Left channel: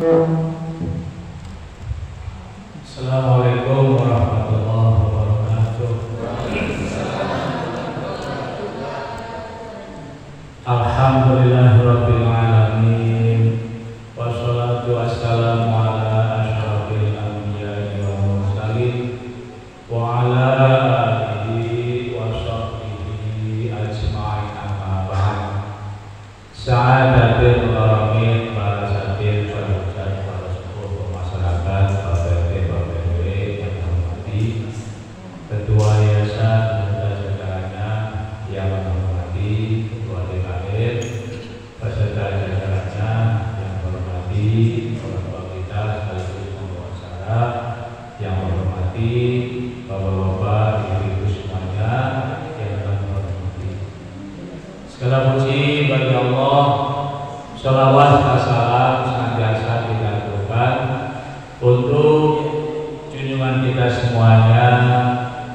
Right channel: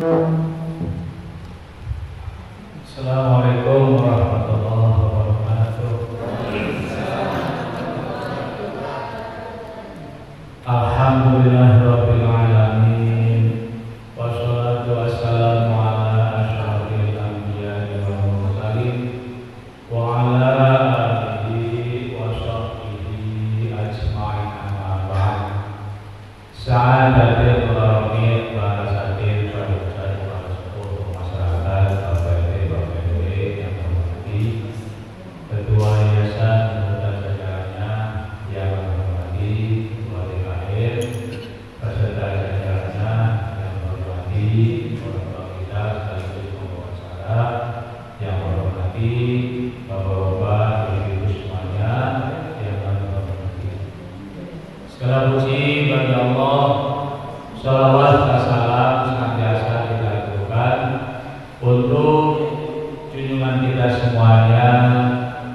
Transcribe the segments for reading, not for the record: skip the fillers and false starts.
Assalamualaikum warahmatullahi wabarakatuh. Alhamdulillahirabbil alamin. Wassalatu wassalamu ala asyrofil anbiya'i wal mursalin wa ala alihi wa sahbihi ajma'in, amma ba'd. Sa'adatul qawmin wa sadir sahabat sepuh masyarakat, Bapak Ibu yang hormati Ketua Yayasan beserta jajarannya yang hormati Ketua DKM beserta jajarannya yang hormati orang-orang kita sekaligus pembawa acara yang hormati Bapak-bapak, Ibu-ibu semuanya yang kami hormati. Segala puji bagi Allah, sholawat dan salam senantiasa kita lakukan untuk junjungan kita semuanya,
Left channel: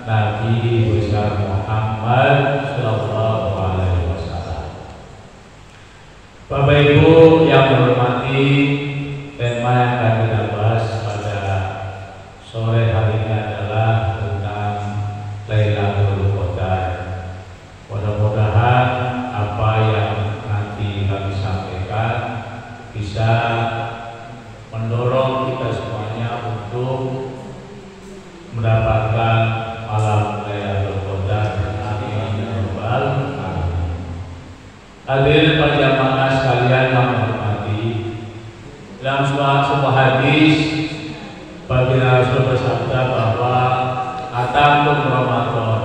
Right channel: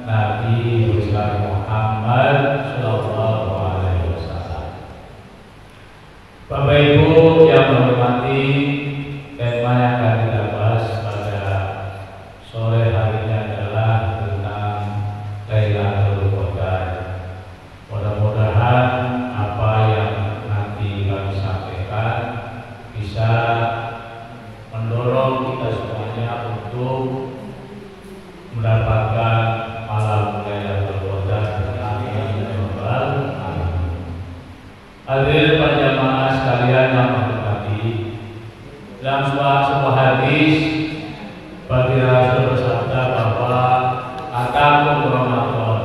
Nabi besar Muhammad Sallallahu Alaihi Wasallam. Bapak Ibu yang hormati, tema yang akan kita bahas pada sore hari ini adalah tentang Lailatul Qadar. Mudah-mudahan apa yang nanti kami sampaikan bisa mendorong kita semuanya untuk mendapatkan malam Lailatul Qadar. Amin ya rabbal alamin. Hadirin perjamaah sekalian yang hormati, dalam sebuah hadis bagi Rasul bersabda bahwa atakum Ramadan,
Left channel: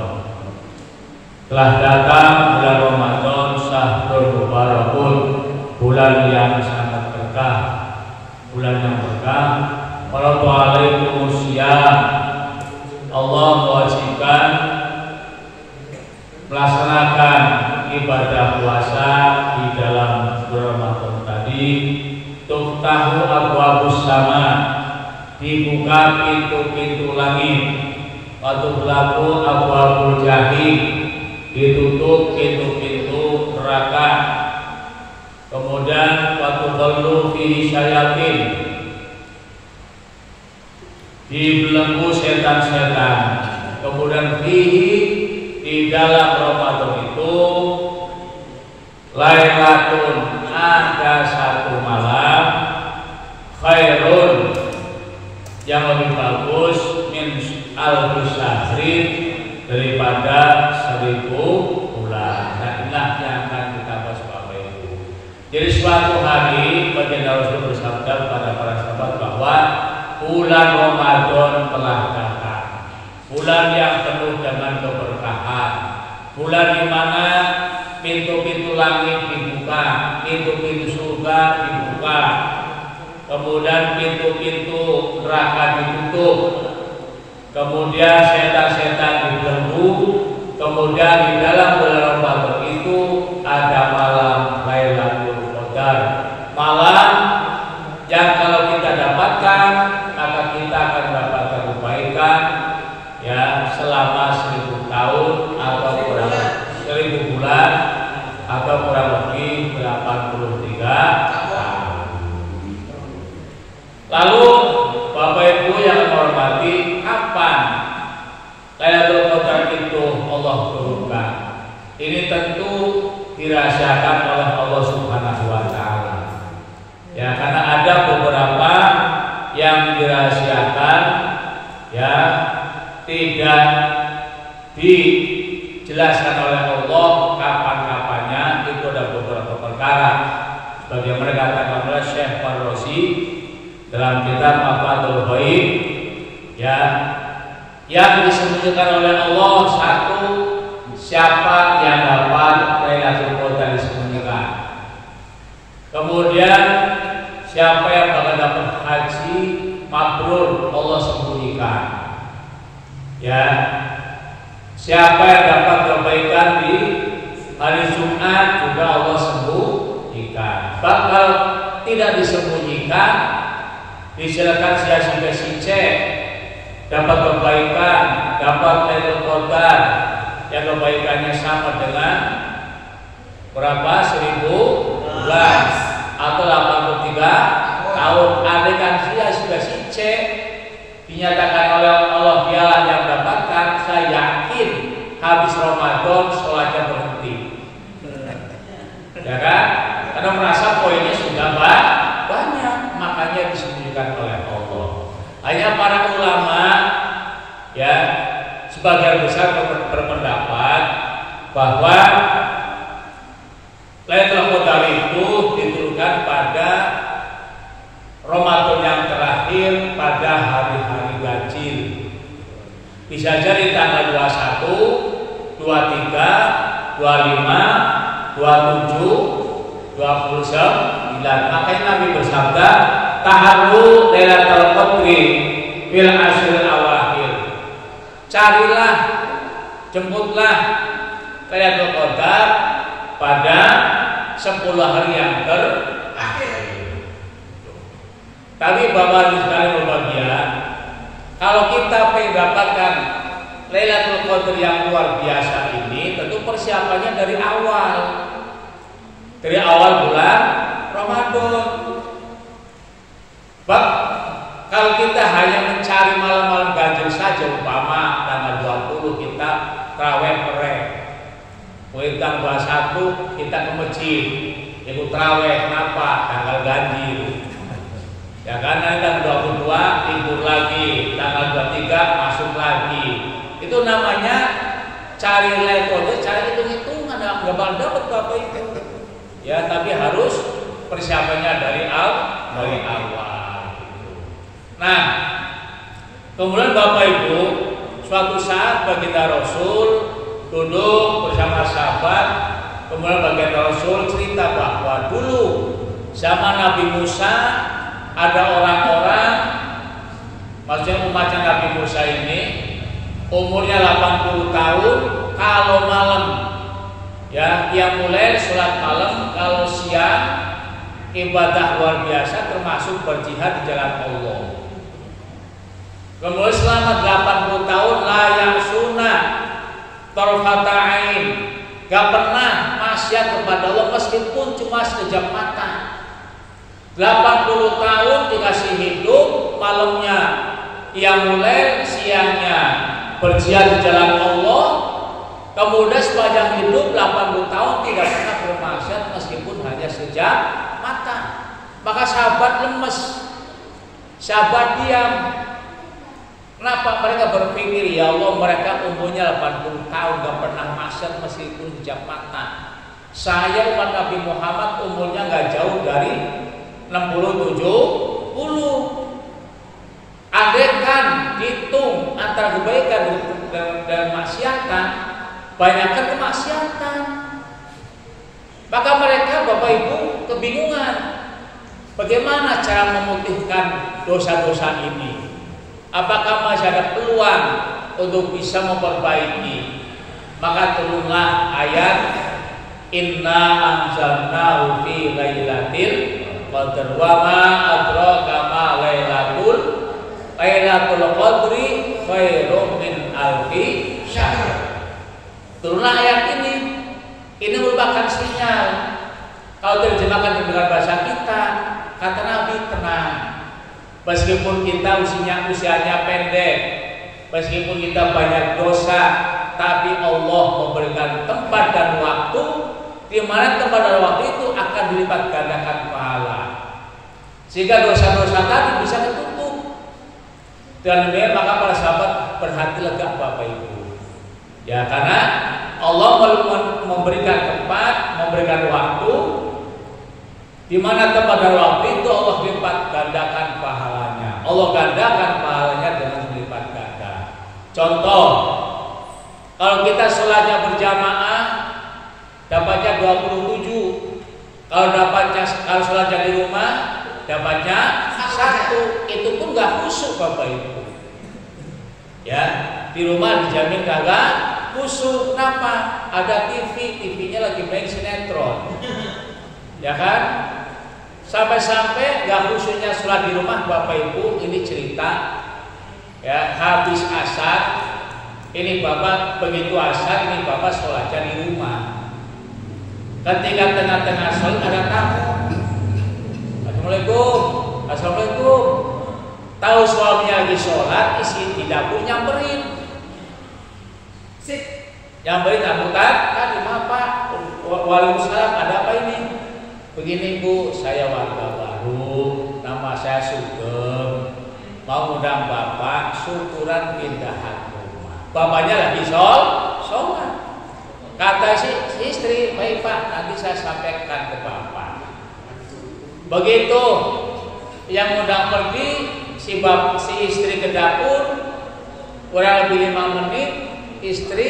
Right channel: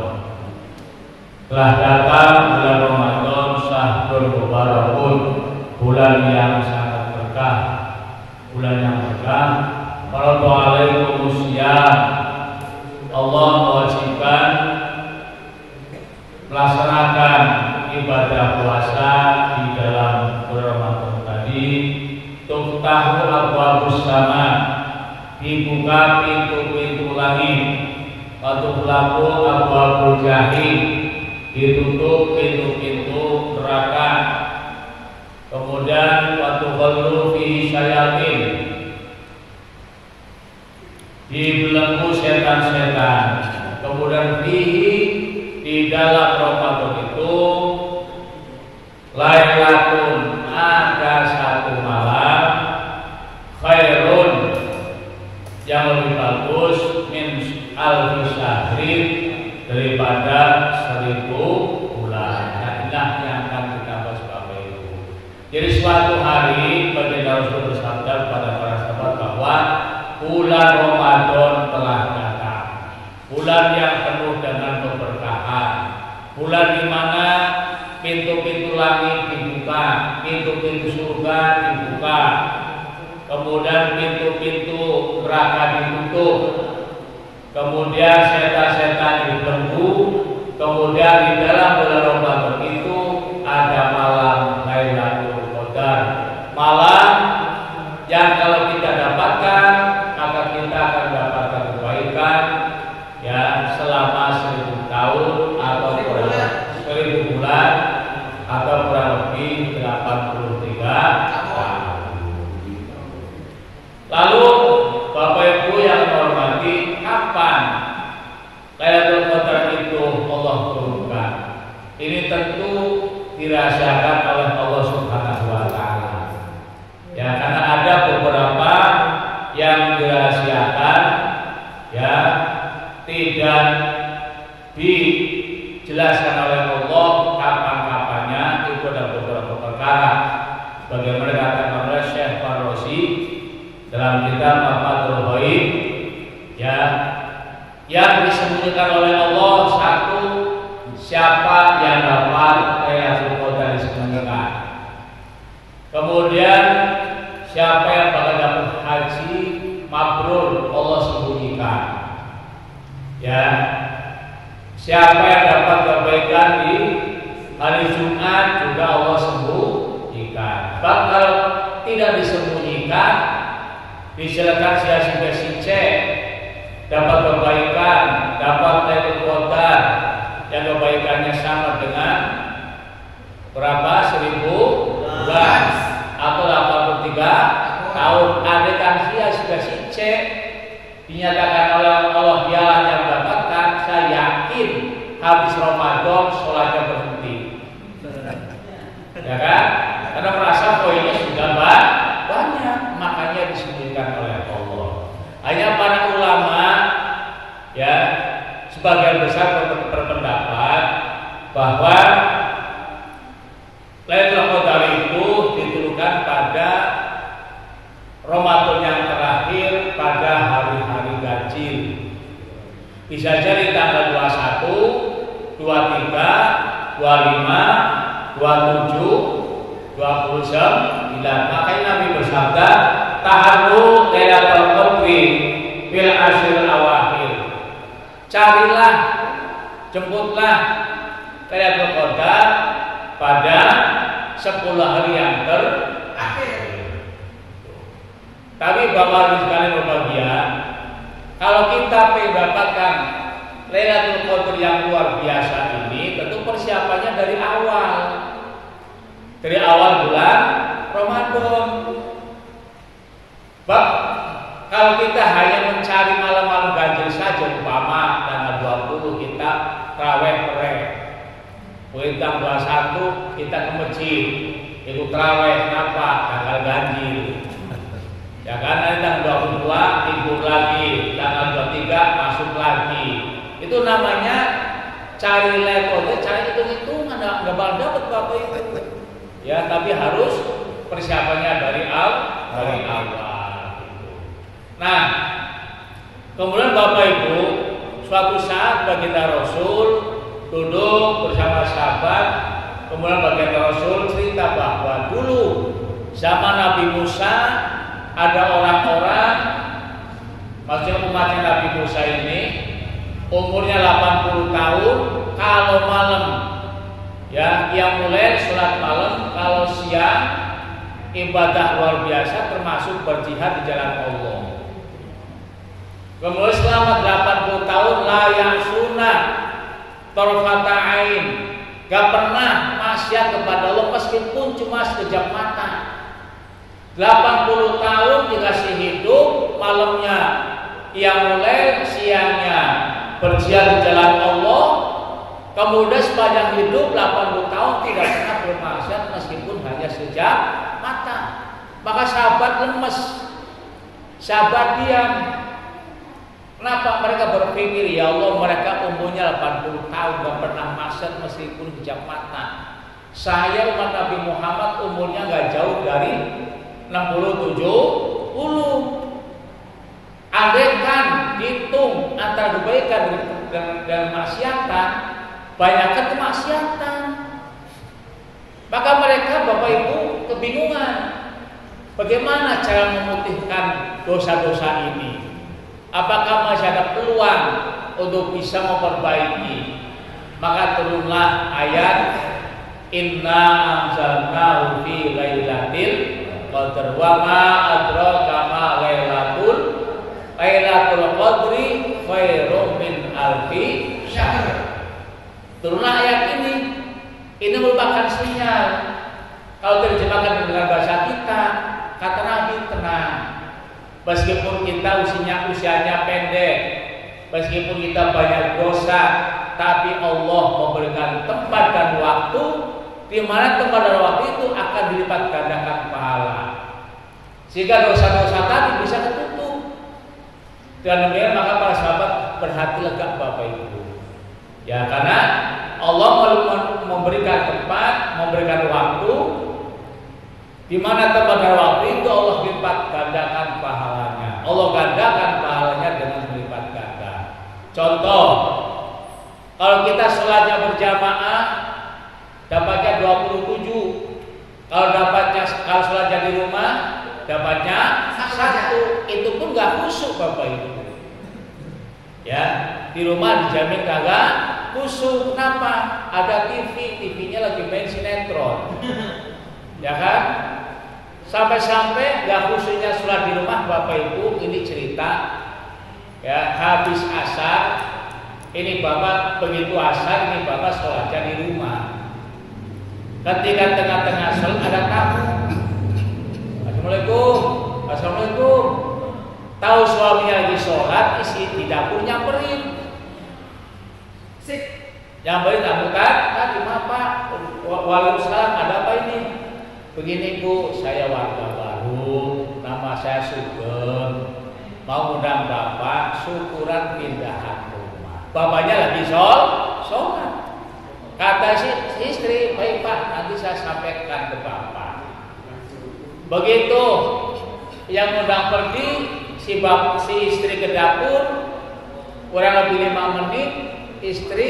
telah datang bulan Ramadan, syahrul mubarakun, bulan yang sangat berkah, bulan yang berkah. Faradu alaikumus syiyam, Allah mewajibkan melaksanakan ibadah puasa di dalam bulan Ramadan tadi. Tuftahu abwabus sama, dibuka pintu-pintu langit. Watughlaqu abwabul jahim, ditutup pintu-pintu neraka. Kemudian watughallu fihi syayatin, dibelenggu setan-setan. Kemudian fihi, di dalam Ramadan itu, lailatun, ada satu malam, khairun, yang lebih bagus, min alfi syahrin, daripada 1000 bulan. Nah, inilah yang akan kita bahas Bapak Ibu. Jadi suatu hari baginda Rasul bersabda kepada para sahabat bahwa bulan Ramadan telah datang, bulan yang penuh dengan keberkahan, bulan di mana pintu-pintu langit dibuka, pintu-pintu surga dibuka, kemudian pintu-pintu neraka ditutup, kemudian setan-setan dibelenggu. Kemudian di dalam bulan Ramadan itu ada malam Lailatul Qadar, malam yang kalau kita dapatkan maka kita akan mendapatkan kebaikan ya selama 1000 tahun atau kurang 1000 bulan atau kurang lebih 83 tahun. Lalu Bapak Ibu yang hormati, kapan Lailatul Qadar itu Allah turunkan? Ini tentu dirahasiakan oleh Allah Subhanahu wa taala. Ya, karena ada beberapa yang dirahasiakan, ya, tidak dijelaskan oleh Allah kapan-kapannya. Itu ada beberapa perkara. Sebagaimana dikatakan oleh Syekh Farrosi dalam kitab Mafathul Ghaib, ya, yang disembunyikan oleh Allah satu, siapa yang dapat Lailatul Qadar disembunyikan. Kemudian siapa yang bakal dapat haji mabrur, Allah sembunyikan. Ya, siapa yang dapat kebaikan di hari Jumat juga Allah sembunyikan. Bakal tidak disembunyikan, disilakan si C dapat kebaikan, dapat Lailatul Qadar yang kebaikannya sama dengan berapa? 1000 bulan atau 83 tahun. sudah si C dinyatakan oleh Allah dialah yang mendapatkan, saya yakin habis Ramadan sholatnya berhenti. Ya kan? Karena merasa poinnya sudah banyak, makanya disembunyikan oleh Allah. Hanya para ulama ya sebagian besar berpendapat bahwa Lailatul Qadar itu diturunkan pada Ramadan yang terakhir pada hari-hari ganjil. Bisa jadi tanggal 21, 23, 25, 27, 29. Makanya Nabi bersabda, "Taharru Lailatul Qadri fil ashril awakhir." Carilah, jemputlah Lailatul Qadar pada 10 hari yang terakhir. Tapi Bapak Ibu sekalian berbahagia, kalau kita ingin mendapatkan Lailatul Qadar yang luar biasa ini, tentu persiapannya dari awal. Dari awal bulan Ramadan. Bab, kalau kita hanya mencari malam-malam ganjil saja, umpama tanggal 20 kita tarawih pere, tanggal 21 kita ke masjid ikut tarawih, kenapa? Tanggal ganjil. Ya kan, nanti tanggal 22 libur lagi, tanggal 23 masuk lagi. Itu namanya cari lekode, cari hitung-hitungan, nggak bakal dapat Bapak itu. Ya, tapi harus persiapannya dari awal. Nah, kemudian Bapak Ibu, suatu saat baginda Rasul duduk bersama sahabat, kemudian baginda Rasul cerita bahwa dulu zaman Nabi Musa ada orang-orang, maksudnya umatnya Nabi Musa ini umurnya 80 tahun, kalau malam ya yang mulai sholat malam, kalau siang ibadah luar biasa termasuk berjihad di jalan Allah. Kemudian selama 80 tahun layak sunnah tarfata ain, gak pernah maksiat kepada Allah meskipun cuma sekejap mata. 80 tahun dikasih hidup, malamnya yang mulai, siangnya berjihad di jalan Allah. Kemudian sepanjang hidup 80 tahun tidak pernah bermaksiat meskipun hanya sekejap mata. Maka sahabat lemes, sahabat diam. Kenapa? Mereka berpikir, ya Allah, mereka umurnya 80 tahun gak pernah maksiat meskipun sekejap mata. Saya umat Nabi Muhammad umurnya gak jauh dari 60-70. Andaikan dihitung antara kebaikan dan maksiatan, banyakkan kemaksiatan. Maka mereka Bapak Ibu kebingungan bagaimana cara memutihkan dosa-dosa ini. Apakah masih ada peluang untuk bisa memperbaiki? Maka turunlah ayat Inna anzalnahu fi lailatul qadr wa ma adraka ma lailatul qadri khairum min alfi syahr. Turunlah ayat ini. Ini merupakan sinyal. Kalau terjemahkan dengan bahasa kita, kata Nabi, tenang. Meskipun kita usianya pendek, meskipun kita banyak dosa, tapi Allah memberikan tempat dan waktu di mana tempat dan waktu itu akan dilipat gandakan pahala, sehingga dosa-dosa tadi bisa ketutup. Dan demikian maka para sahabat berhati lega Bapak Ibu. Ya, karena Allah memberikan tempat, memberikan waktu, di mana tempat dan waktu itu Allah lipat gandakan pahalanya. Allah gandakan pahalanya dengan melipat ganda. Contoh, kalau kita sholatnya berjamaah dapatnya 27. Kalau sholatnya di rumah dapatnya 1. Itu pun gak khusyuk Bapak Ibu. Ya, di rumah dijamin kagak khusyuk. Kenapa? Ada TV-nya lagi main sinetron. Ya kan? Sampai-sampai gak khusyuknya sholat di rumah Bapak Ibu. Ini cerita ya, habis asar, ini Bapak begitu asar, ini Bapak sholatnya di rumah. Ketika tengah-tengah sholat ada tamu. Assalamualaikum. Assalamualaikum. tahu suaminya lagi sholat, isi di dapur nyamperin. Nyamperin rambutan, tadi maaf Pak, waalaikumsalam, ada apa ini? Begini Bu, saya warga baru, nama saya Sugeng, mau undang Bapak syukuran pindahan rumah. Bapaknya lagi sholat. Kata si istri, baik Pak, nanti saya sampaikan ke Bapak. Begitu yang undang pergi, si istri ke dapur, kurang lebih 5 menit, istri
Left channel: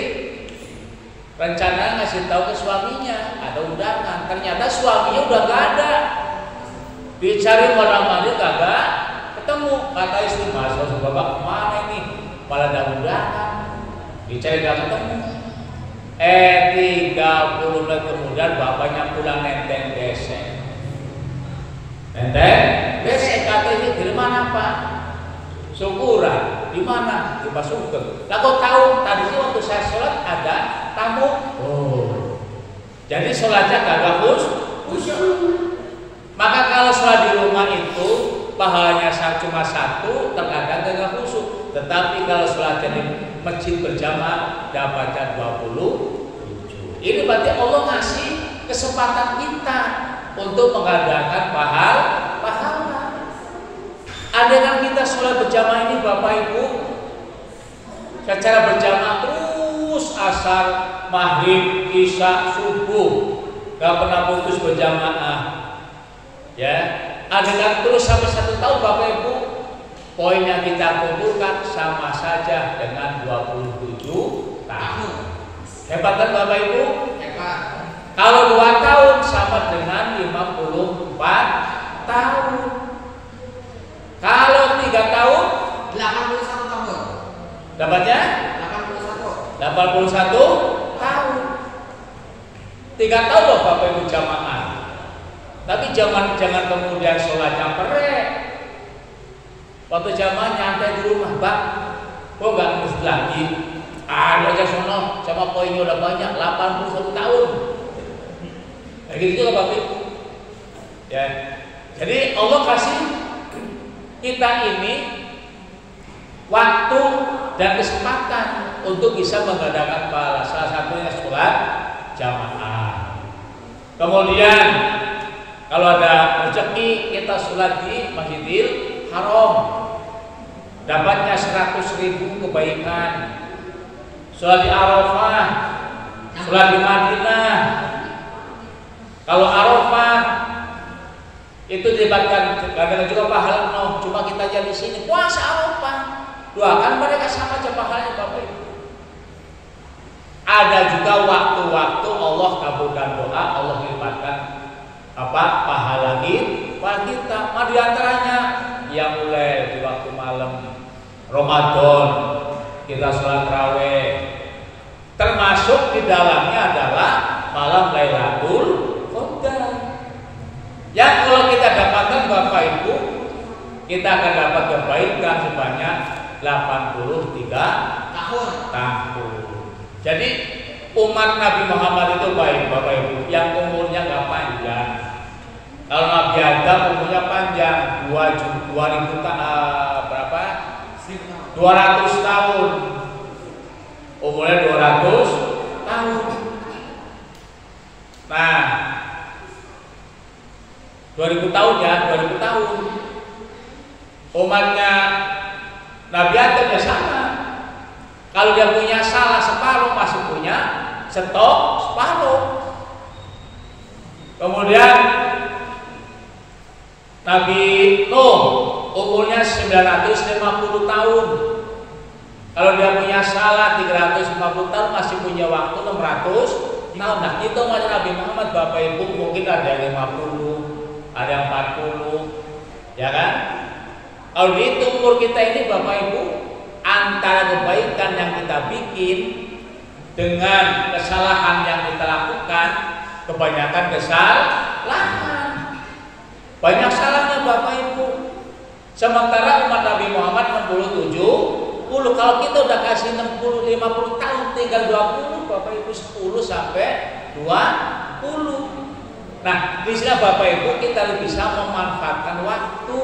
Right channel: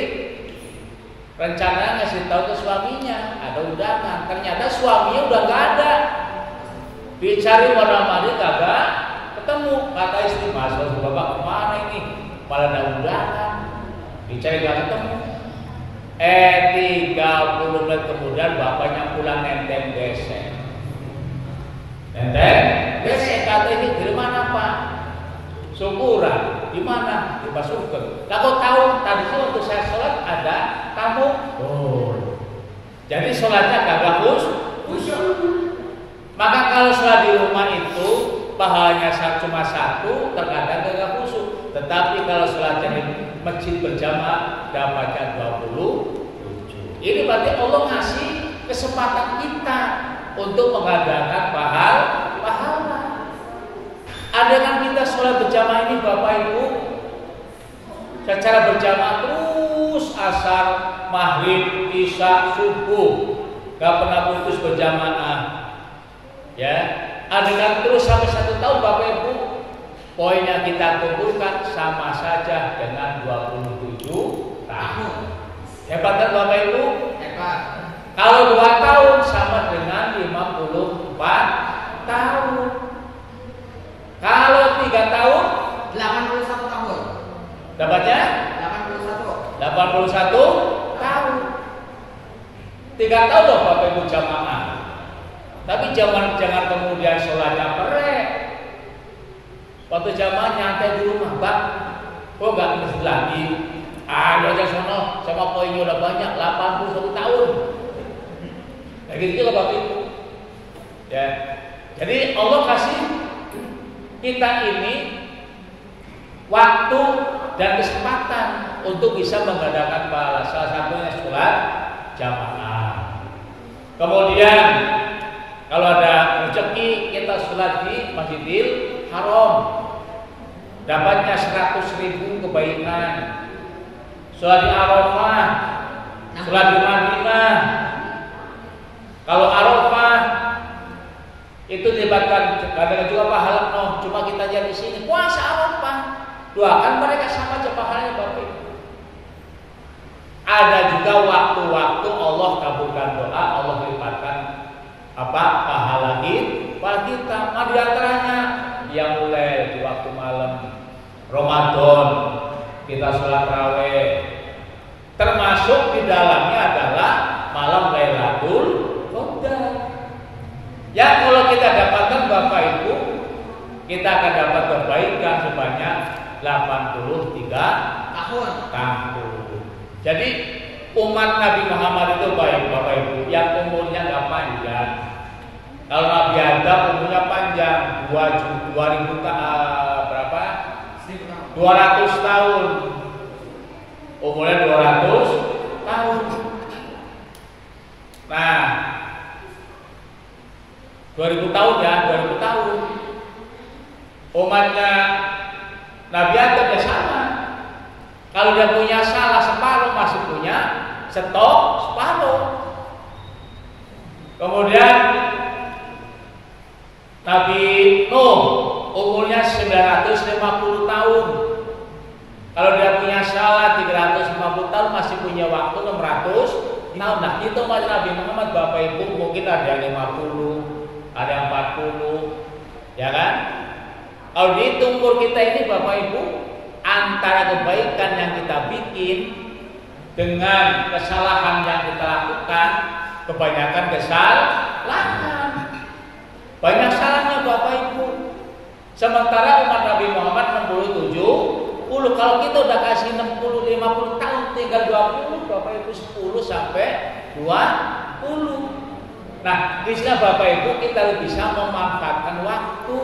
rencana ngasih tahu ke suaminya ada undangan. Ternyata suaminya udah nggak ada. Dicari mana-mana kagak ketemu. Kata istri, Mas Bapak kemana ini? Malah ada undangan. Dicari gak ketemu. 30 menit kemudian bapaknya pulang nenteng desek. Kata ini dari mana Pak? Syukuran. Di mana? Di Pak Sugeng. Lah kok tahu? Tadi sih waktu saya sholat ada tamu. Oh. Jadi sholatnya kagak khusyuk. Maka kalau sholat di rumah itu pahalanya cuma 1, terkadang kagak khusyuk. Tetapi kalau sholatnya di masjid berjamaah dapatnya 27. Ini berarti Allah ngasih kesempatan kita untuk mengadakan pahala. Adakah kita sholat berjamaah ini Bapak Ibu secara berjamaah terus asar, maghrib, isya, subuh, gak pernah putus berjamaah, ya? Adakah terus sampai 1 tahun Bapak Ibu? Poinnya kita kumpulkan sama saja dengan 27 tahun. Hebat kan Bapak Ibu? Hebat. Kalau 2 tahun sama dengan 54 tahun. Kalau 3 tahun 81 tahun. Dapatnya 81 tahun. 3 tahun loh Bapak Ibu jamaah. Tapi jangan kemudian sholatnya perek. Waktu jamaah nyantai di rumah, Bang, kok nggak masjid lagi? Ada aja sono, sama poinnya udah banyak, 81 tahun. Nah gitu juga Bapak Ibu. Ya, jadi Allah kasih kita ini waktu dan kesempatan untuk bisa mengadakan pahala. Salah satunya sholat jamaah. Kemudian kalau ada rezeki kita sholat di Masjidil Haram, dapatnya 100.000 kebaikan. Sholat di Arafah, sholat di Madinah. Kalau Arafah itu dilibatkan kadang juga pahala, cuma kita aja di sini puasa Arafah. Doakan mereka sama aja pahalanya Bapak Ibu. Ada juga waktu-waktu Allah kabulkan doa, Allah lipatkan pahala kita. Di antaranya yang mulai di waktu malam Ramadan kita sholat tarawih, termasuk di dalamnya adalah malam Lailatul Qadar. Yang kalau kita dapatkan Bapak Ibu, kita akan dapat kebaikan sebanyak 83 tahun. Jadi umat Nabi Muhammad itu baik Bapak Ibu, yang umurnya nggak panjang. Kalau Nabi Adam umurnya panjang, 200 tahun. Umurnya 200 tahun. Nah, 2000 tahun ya, 2000 tahun. Umatnya Nabi Adam ya sama. Kalau dia punya salah separuh, masih punya stok separuh. Kemudian Nabi Nuh umurnya 950 tahun. Kalau dia punya salah 350 tahun, masih punya waktu 600 tahun. Nah, kita umat Nabi Muhammad Bapak Ibu mungkin ada yang 50, ada yang 40, ya kan? Kalau dihitung umur kita ini Bapak Ibu, antara kebaikan yang kita bikin dengan kesalahan yang kita lakukan, kebanyakan kesalahan. Banyak salahnya Bapak Ibu. Sementara umat Nabi Muhammad 67, kalau kita udah kasih 60, 50 tahun, tinggal 20 Bapak Ibu, 10 sampai 20. Nah, di sini Bapak Ibu kita bisa memanfaatkan waktu.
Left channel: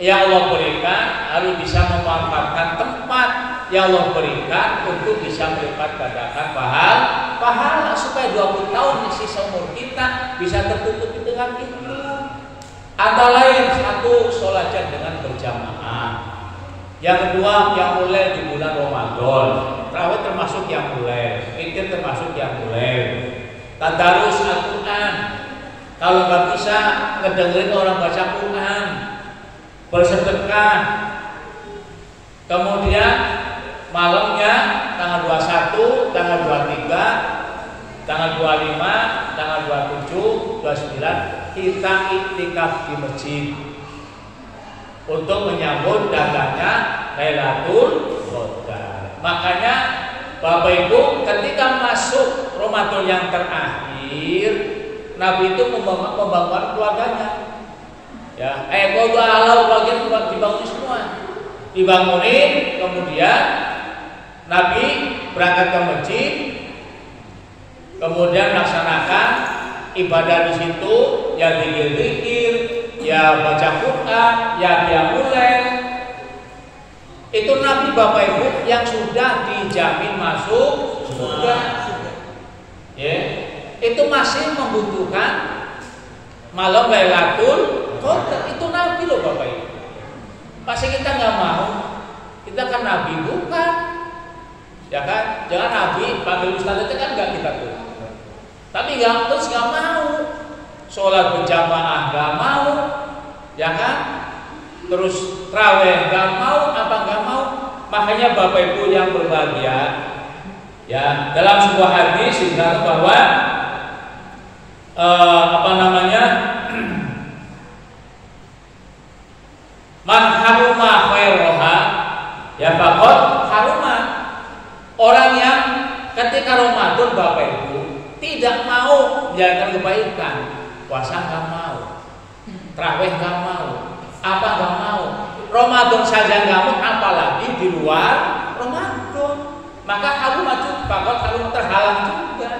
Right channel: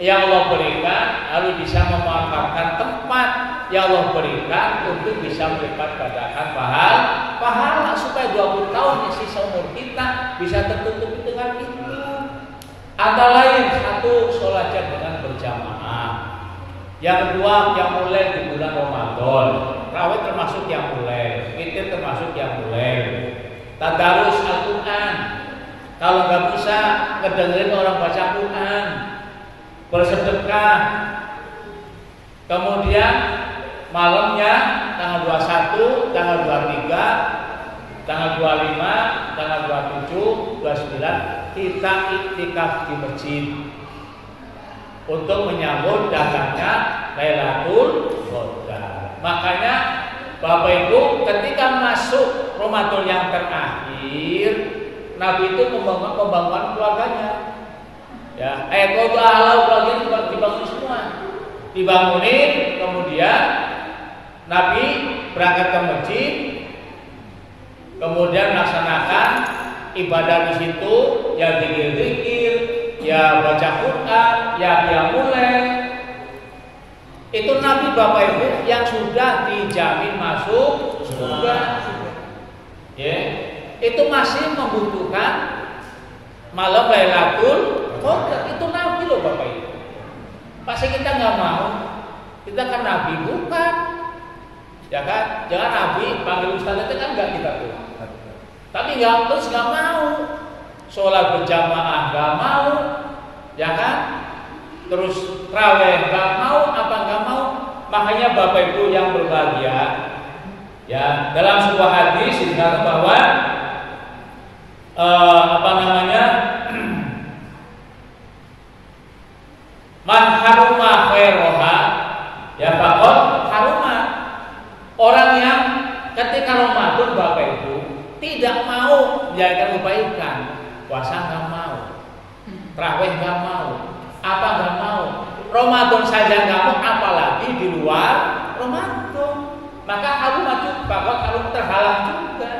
yang Allah berikan harus bisa memanfaatkan tempat yang Allah berikan untuk bisa melipat gandakan pahala supaya 20 tahun sisa umur kita bisa tertutupi dengan itu. Antara lain satu, sholat dengan berjamaah. Yang kedua, yang mulai di bulan Ramadan. Tarawih termasuk yang mulai, witir termasuk yang mulai. Tadarus Al-Quran. Kalau nggak bisa ngedengerin orang baca Quran, bersedekah. Kemudian malamnya tanggal 21, tanggal 23, tanggal 25, tanggal 27, 29 kita iktikaf di masjid untuk menyambut datangnya Lailatul Qadar. Makanya Bapak Ibu ketika masuk Ramadan yang terakhir, Nabi itu membangun keluarganya. Ya, kalau halau keluarga dibangun semua. Dibangunin, kemudian Nabi berangkat ke masjid, kemudian melaksanakan ibadah di situ, ya zikir-zikir, ya baca Quran, ya qiyamul lail. Itu Nabi Bapak Ibu yang sudah dijamin masuk surga. Ya, itu masih membutuhkan malam Lailatul Qadar. Itu Nabi loh Bapak Ibu. Pasti kita nggak mau. Kita kan Nabi bukan. Ya kan, jangan Nabi panggil Ustaz itu kan nggak kita tuh. Tapi nggak mau. Sholat berjamaah nggak mau, ya kan? Terus traweh nggak mau, apa nggak mau? Makanya Bapak Ibu yang berbahagia, ya dalam sebuah hadis dikatakan bahwa man haruma khairoha ya faqad haruma. Orang yang ketika Ramadan Bapak Ibu tidak mau menjalankan kebaikan, puasa nggak mau, tarawih nggak mau, apa nggak mau, Ramadan saja nggak mau, apalagi di luar Ramadan. Maka harum terhalang juga.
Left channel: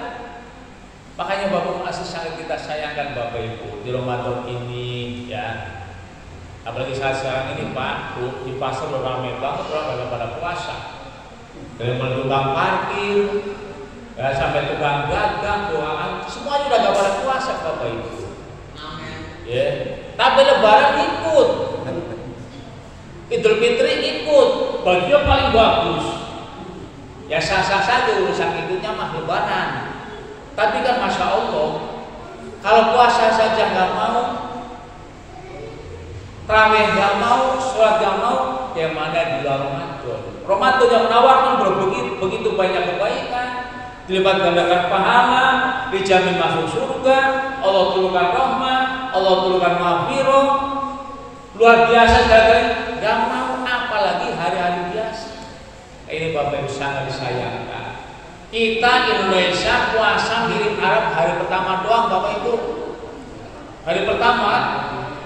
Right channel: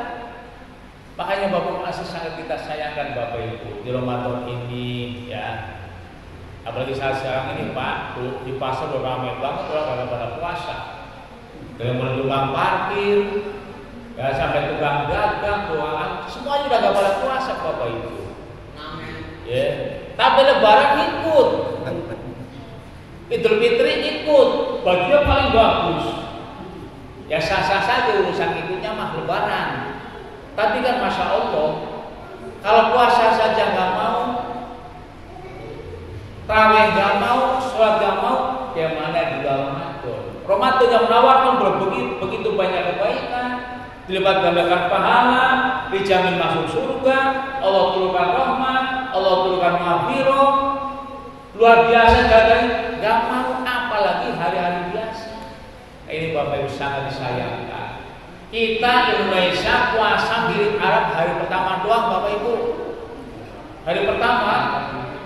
Makanya Bapak masih sangat kita sayangkan Bapak Ibu di Ramadan ini, ya. Apalagi saat sekarang ini Pak, di pasar ramai banget orang pada puasa. Dari mulai tukang parkir, ya, sampai tukang dagang, doang, semuanya udah gak pada puasa Bapak Ibu. Ya, tapi Lebaran ikut, Idul Fitri ikut, bajunya paling bagus. Ya sah-sah saja urusan ikutnya mah Lebaran. Tapi kan Masya Allah, kalau puasa saja nggak mau, tarawih nggak mau, sholat nggak mau, yang mana di luar Ramadan? Ramadan yang menawarkan begitu banyak kebaikan, dilipat gandakan pahala, dijamin masuk surga, Allah turunkan rahmat, Allah turunkan maghfirah, luar biasa sekali. Nggak mau, apalagi hari-hari biasa. Ini Bapak Ibu sangat disayangkan. Kita Indonesia puasa mirip Arab hari pertama doang Bapak Ibu. Hari pertama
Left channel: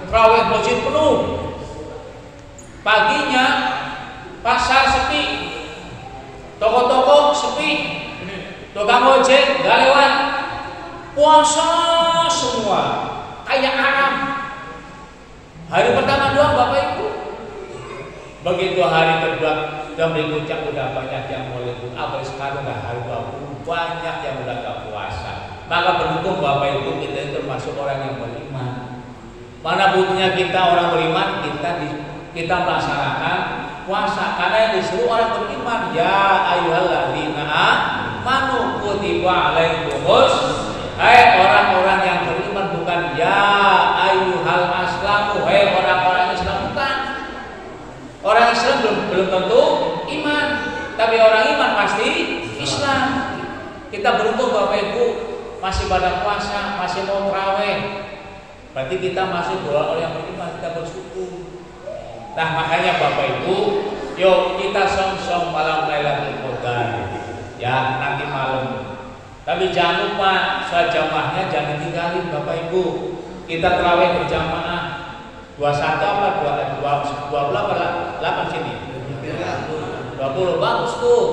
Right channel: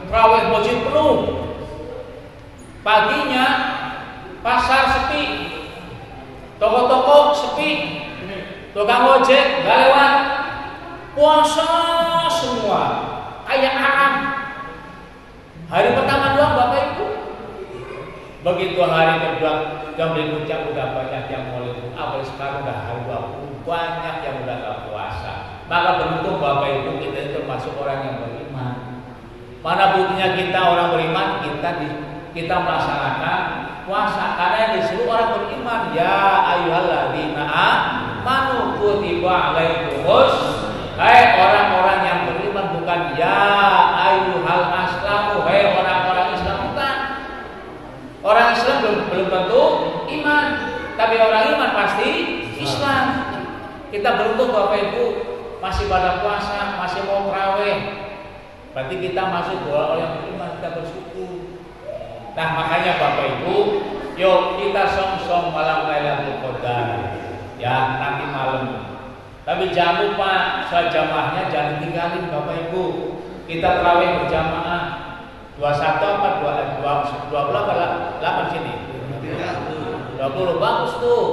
tarawih masjid penuh. Paginya pasar sepi, toko-toko sepi, tukang ojek nggak lewat. Puasa semua kayak Arab. Hari pertama doang Bapak Ibu. Begitu hari kedua dan berikutnya udah banyak yang mulai pun, apalagi sekarang udah hari 20 banyak yang udah gak puasa. Maka beruntung Bapak Ibu kita ini termasuk orang yang beriman. Mana buktinya kita orang beriman, kita melaksanakan puasa karena yang disuruh orang beriman. Ya ayyuhalladzina amanu kutiba alaikumus. Hai orang-orang yang beriman, bukan ya ayyuhal aslamu, hai orang-orang Islam, bukan. Orang Islam belum tentu iman, tapi orang iman pasti Islam. Kita beruntung Bapak Ibu masih pada puasa, masih mau tarawih. Berarti kita masih orang yang beriman, kita bersyukur. Nah makanya Bapak Ibu, yuk kita song-song malam Lailatul Qadar, ya nanti malam. Tapi jangan lupa sholat jamaahnya jangan ditinggalin Bapak Ibu. Kita tarawih berjamaah. 21 apa 20 apa 8 sini? 20 bagus tuh.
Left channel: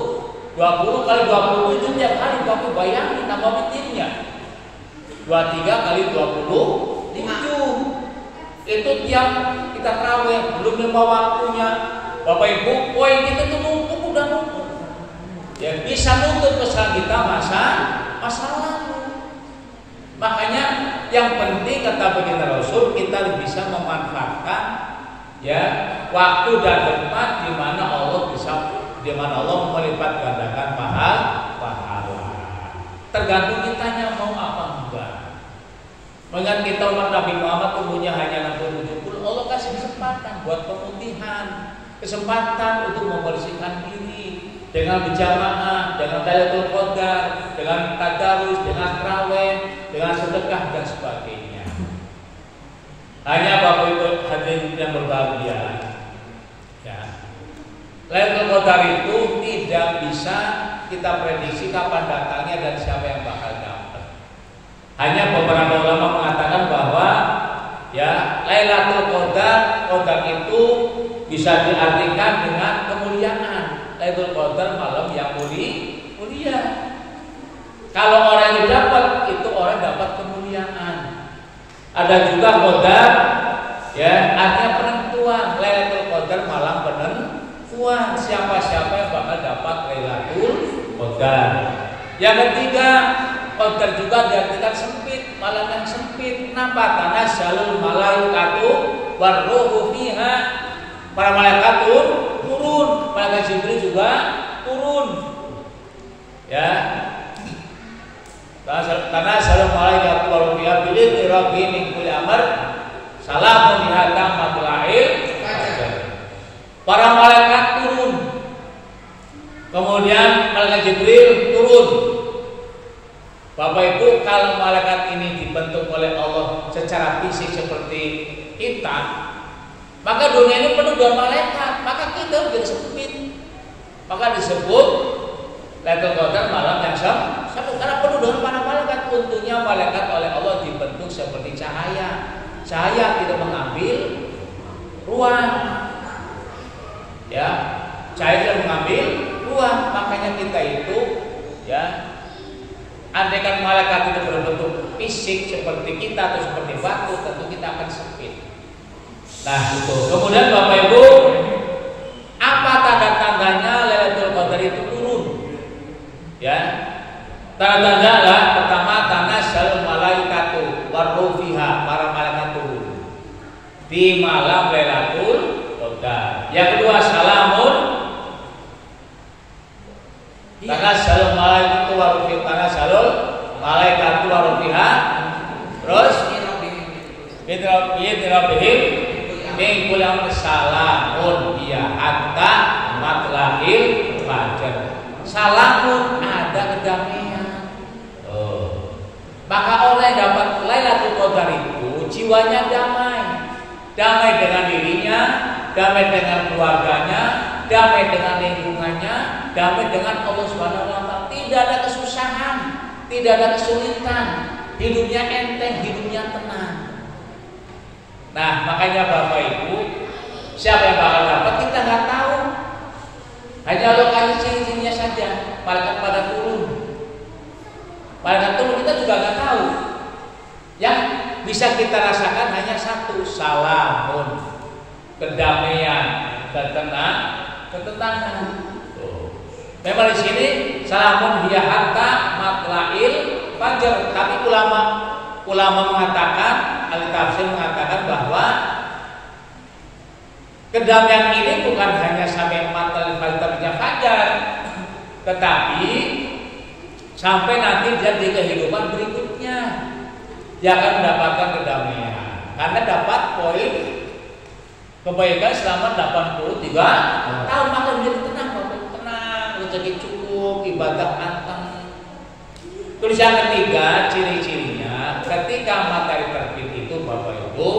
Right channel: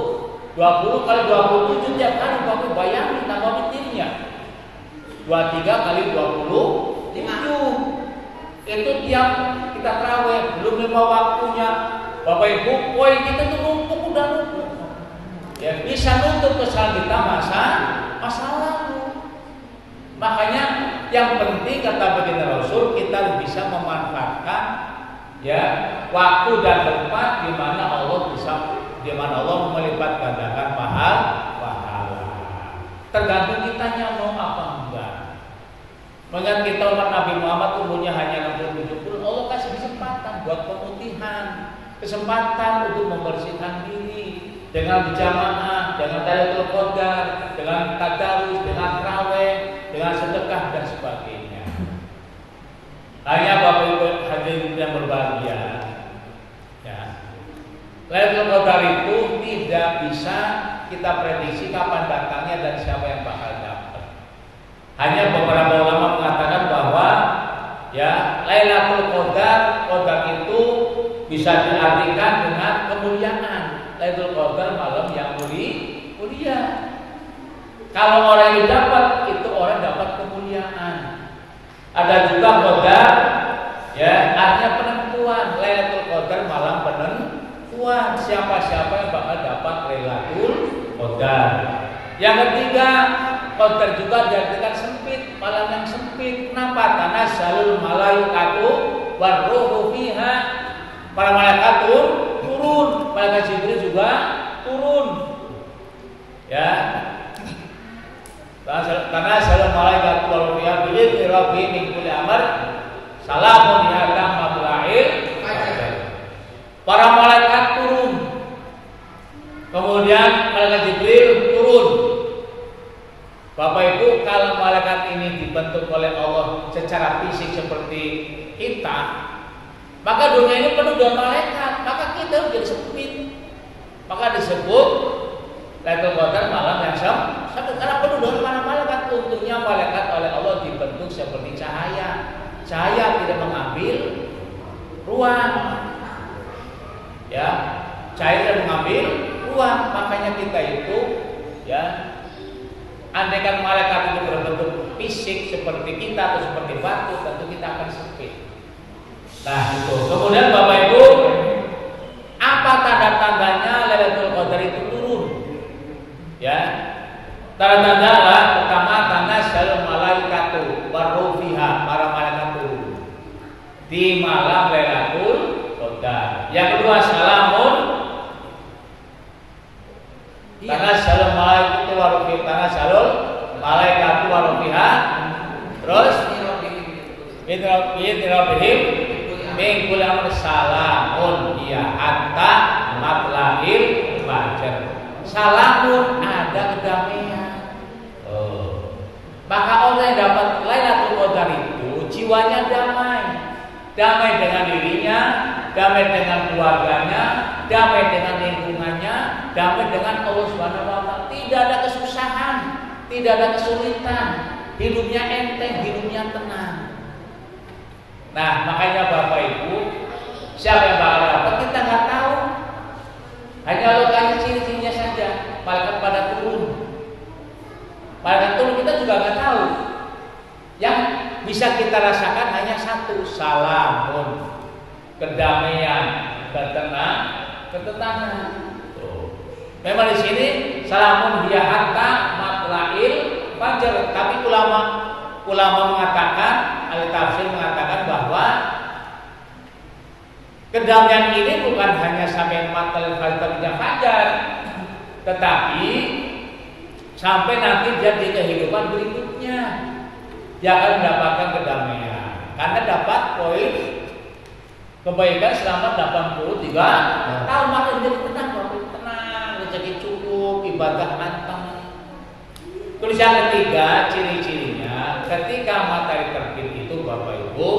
20 kali 27 tiap hari Bapak bayangin tambah witirnya. 23 kali 20 5. Itu tiap kita tarawih belum 5 waktunya, Bapak Ibu, poin kita tuh numpuk, udah numpuk. Ya bisa nutup kesalahan kita masa lalu. Makanya yang penting kata baginda Rasul, kita bisa memanfaatkan ya waktu dan tempat di mana Allah melipat gandakan pahala. Tergantung kitanya mau apa enggak. Mengingat kita umat Nabi Muhammad umurnya hanya 60-70, Allah kasih kesempatan buat pemutihan, kesempatan untuk membersihkan diri dengan berjamaah, dengan Lailatul Qadar, dengan tadarus, dengan tarawih, dengan sedekah dan sebagainya. Hanya Bapak Ibu hadirin yang berbahagia, ya, Lailatul Qadar itu tidak bisa kita prediksi kapan datangnya dan siapa yang bakal dapat. Hanya beberapa ulama mengatakan bahwa ya Lailatul Qadar itu bisa diartikan dengan kemuliaan. Lailatul Qadar malam yang mulia. Kalau orang yang dapat itu orang dapat kemuliaan. Ada juga qadar ya artinya penentuan. Lailatul Qadar malam penentuan siapa-siapa yang bakal dapat Lailatul Qadar. Yang ketiga, qadar juga diartikan sempit, malam yang sempit. Kenapa? Tanazzalul malaikatu warruhu fiha. Para malaikat turun, malaikat Jibril juga turun. Ya. Tanazzalul malaikatu warruhu fiha bi'izni rabbihim min kulli amr. Salamun hiya hatta matla'il fajar. Para malaikat turun. Kemudian malaikat Jibril turun. Bapak Ibu, kalau malaikat ini dibentuk oleh Allah secara fisik seperti kita, maka dunia ini penuh dengan malaikat, maka kita menjadi sempit. Maka disebut Lailatul Qadar malam yang sempit karena penuh dengan para malaikat. Untungnya malaikat oleh Allah dibentuk seperti cahaya. Cahaya tidak mengambil ruang. Ya, cahaya tidak mengambil ruang. Makanya kita itu ya, andaikan malaikat itu berbentuk fisik seperti kita atau seperti batu, tentu kita akan sempit. Nah itu. Kemudian Bapak Ibu, apa tanda-tandanya Lailatul Qadar itu turun? Ya, tanda-tanda adalah pertama tanazzalul malaikatu warruhu fiha, para malaikat turun di malam Lailatul Qadar. Yang kedua salamun tanazzalul malaikatu warruhu fiha, tanazzalul malaikatu warruhu fiha. Terus Bidrabihim min kulli amr salamun hiya hatta matla'il fajar. Salamun ada kedamaian. Maka orang yang dapat Lailatul Qadar itu jiwanya damai. Damai dengan dirinya, damai dengan keluarganya, damai dengan lingkungannya, damai dengan Allah Subhanahu wa taala. Tidak ada kesusahan, tidak ada kesulitan. Hidupnya enteng, hidupnya tenang. Nah, makanya Bapak Ibu, siapa yang bakal dapat kita nggak tahu. Hanya Allah kasih ciri-cirinya saja. Malaikat pada turun. Malaikat turun kita juga nggak tahu. Yang bisa kita rasakan hanya satu, salamun, kedamaian, ketenangan. Memang di sini salamun hiya hatta matla'il fajar. Tapi ulama mengatakan, ahli tafsir mengatakan bahwa kedamaian ini bukan hanya sampai matla'il fajar, tetapi sampai nanti dia di kehidupan berikutnya dia akan mendapatkan kedamaian karena dapat poin kebaikan selama 83 tahun, maka menjadi tenang, rezeki cukup, ibadah anteng. Terus yang ketiga, ciri-cirinya ketika matahari terbit itu Bapak Ibu,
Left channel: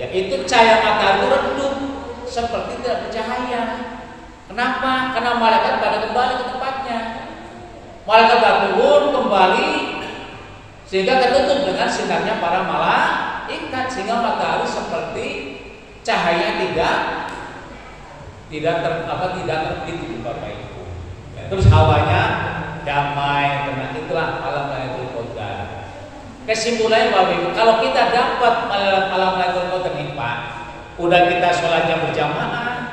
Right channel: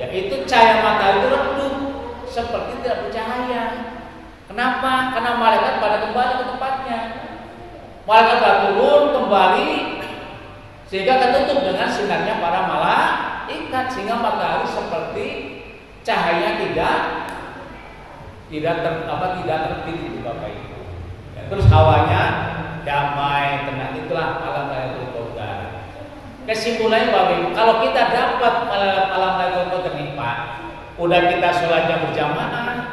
yaitu cahaya matahari itu redup seperti tidak bercahaya. Kenapa? Karena malaikat pada kembali ke tempatnya. Malaikat turun kembali sehingga ketutup dengan sinarnya para malaikat, sehingga matahari seperti cahaya tidak terbit itu Bapak Ibu. Terus hawanya damai, tenang, itulah malam Lailatul Qadar. Kesimpulannya Bapak Ibu, kalau kita dapat malam Lailatul Qadar nih Pak, udah kita sholatnya berjamaah,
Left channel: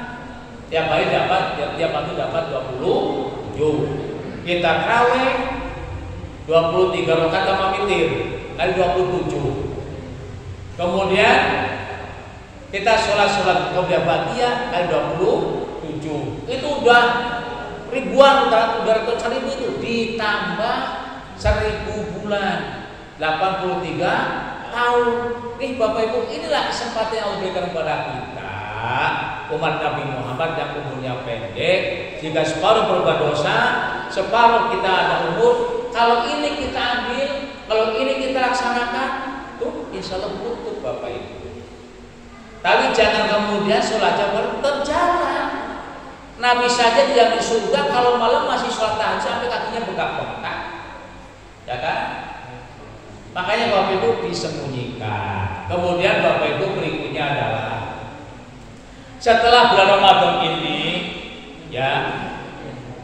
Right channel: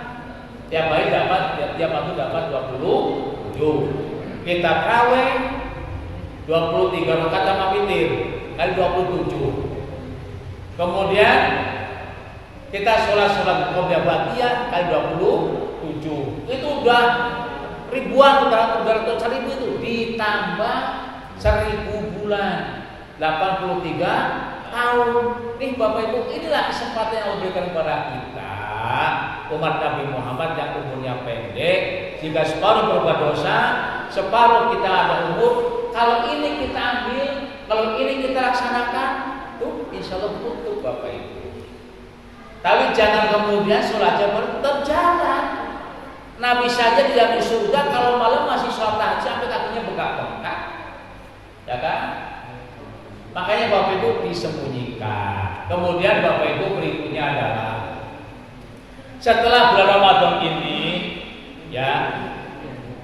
tiap hari tiap waktu dapat 27. Kita tarawih 23 rakaat sama witir kali 27. Kemudian kita sholat qobliyah ba'diyah kali 27. Itu udah ribuan, udah ratus ribu itu ditambah 1000 bulan. 83 tahun. Nih Bapak Ibu, inilah kesempatan yang Allah berikan kepada kita, umat Nabi Muhammad yang umurnya pendek. Jika separuh berbuat dosa, separuh kita ada umur. Kalau ini kita ambil, kalau ini kita laksanakan, tuh insya Allah butuh Bapak Ibu. Tapi jangan kemudian sholatnya tetap jalan. Nabi saja tidak di surga kalau malam masih sholat tahajud sampai kakinya bengkak-bengkak, ya kan? Makanya Bapak Ibu disembunyikan. Kemudian Bapak Ibu berikutnya adalah setelah bulan Ramadan ini, ya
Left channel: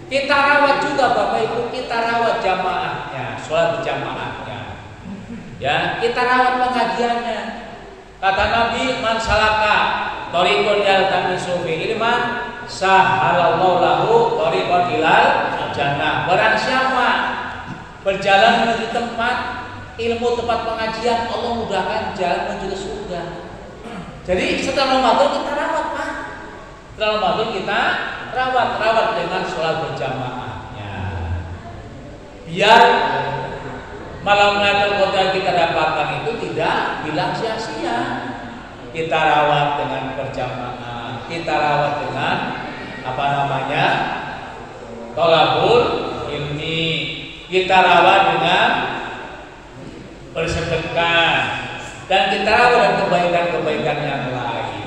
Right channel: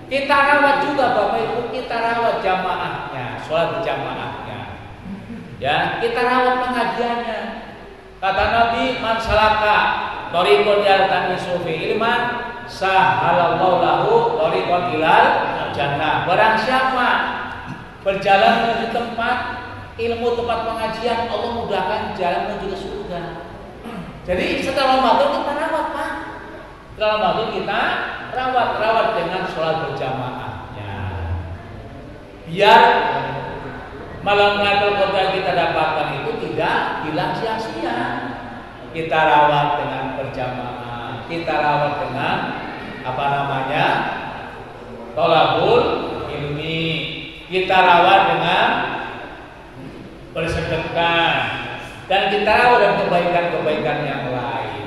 kita rawat juga Bapak Ibu, kita rawat jamaahnya, sholat jamaahnya, ya kita rawat pengajiannya. Kata Nabi, man salaka thariqan yaltamisu fi ilman sahalallahu lahu thariqan ilal jannah. Barang siapa berjalan menuju tempat ilmu, tempat pengajian, Allah mudahkan jalan menuju ke surga. Jadi setelah Ramadan kita rawat Pak. Setelah Ramadan kita rawat dengan sholat berjamaahnya. Biar malam Lailatul Qadar kita dapatkan itu tidak hilang sia-sia. Kita rawat dengan berjamaah, kita rawat dengan thalabul ilmi, kita rawat dengan bersedekah, dan kita rawat dengan kebaikan-kebaikan yang lain.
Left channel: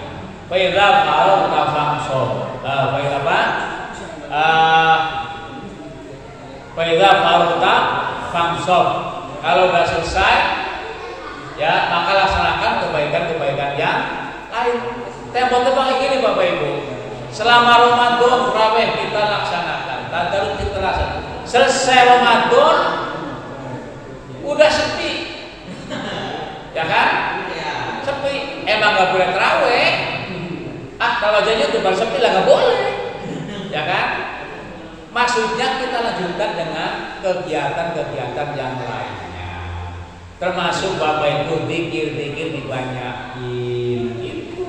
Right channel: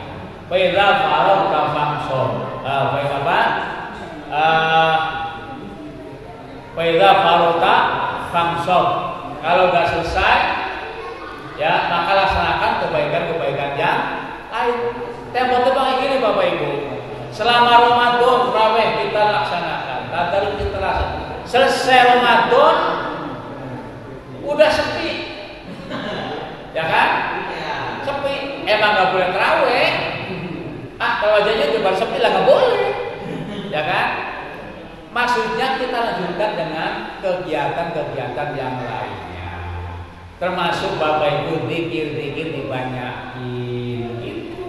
Fa idza faragta famsur. Fa idza faragta famsur. Kalau sudah selesai, ya maka laksanakan kebaikan-kebaikan yang lain. Tempo kayak gini Bapak Ibu. Selama Ramadan tarawih kita laksanakan, tadarus kita laksanakan. Selesai Ramadan udah sepi, ya kan? Sepi. Emang nggak boleh tarawih? Tarawih aja udah baru sepi lah, nggak boleh, ya kan? Maksudnya kita lanjutkan dengan kegiatan-kegiatan yang lainnya, termasuk Bapak Ibu zikir dibanyakin gitu.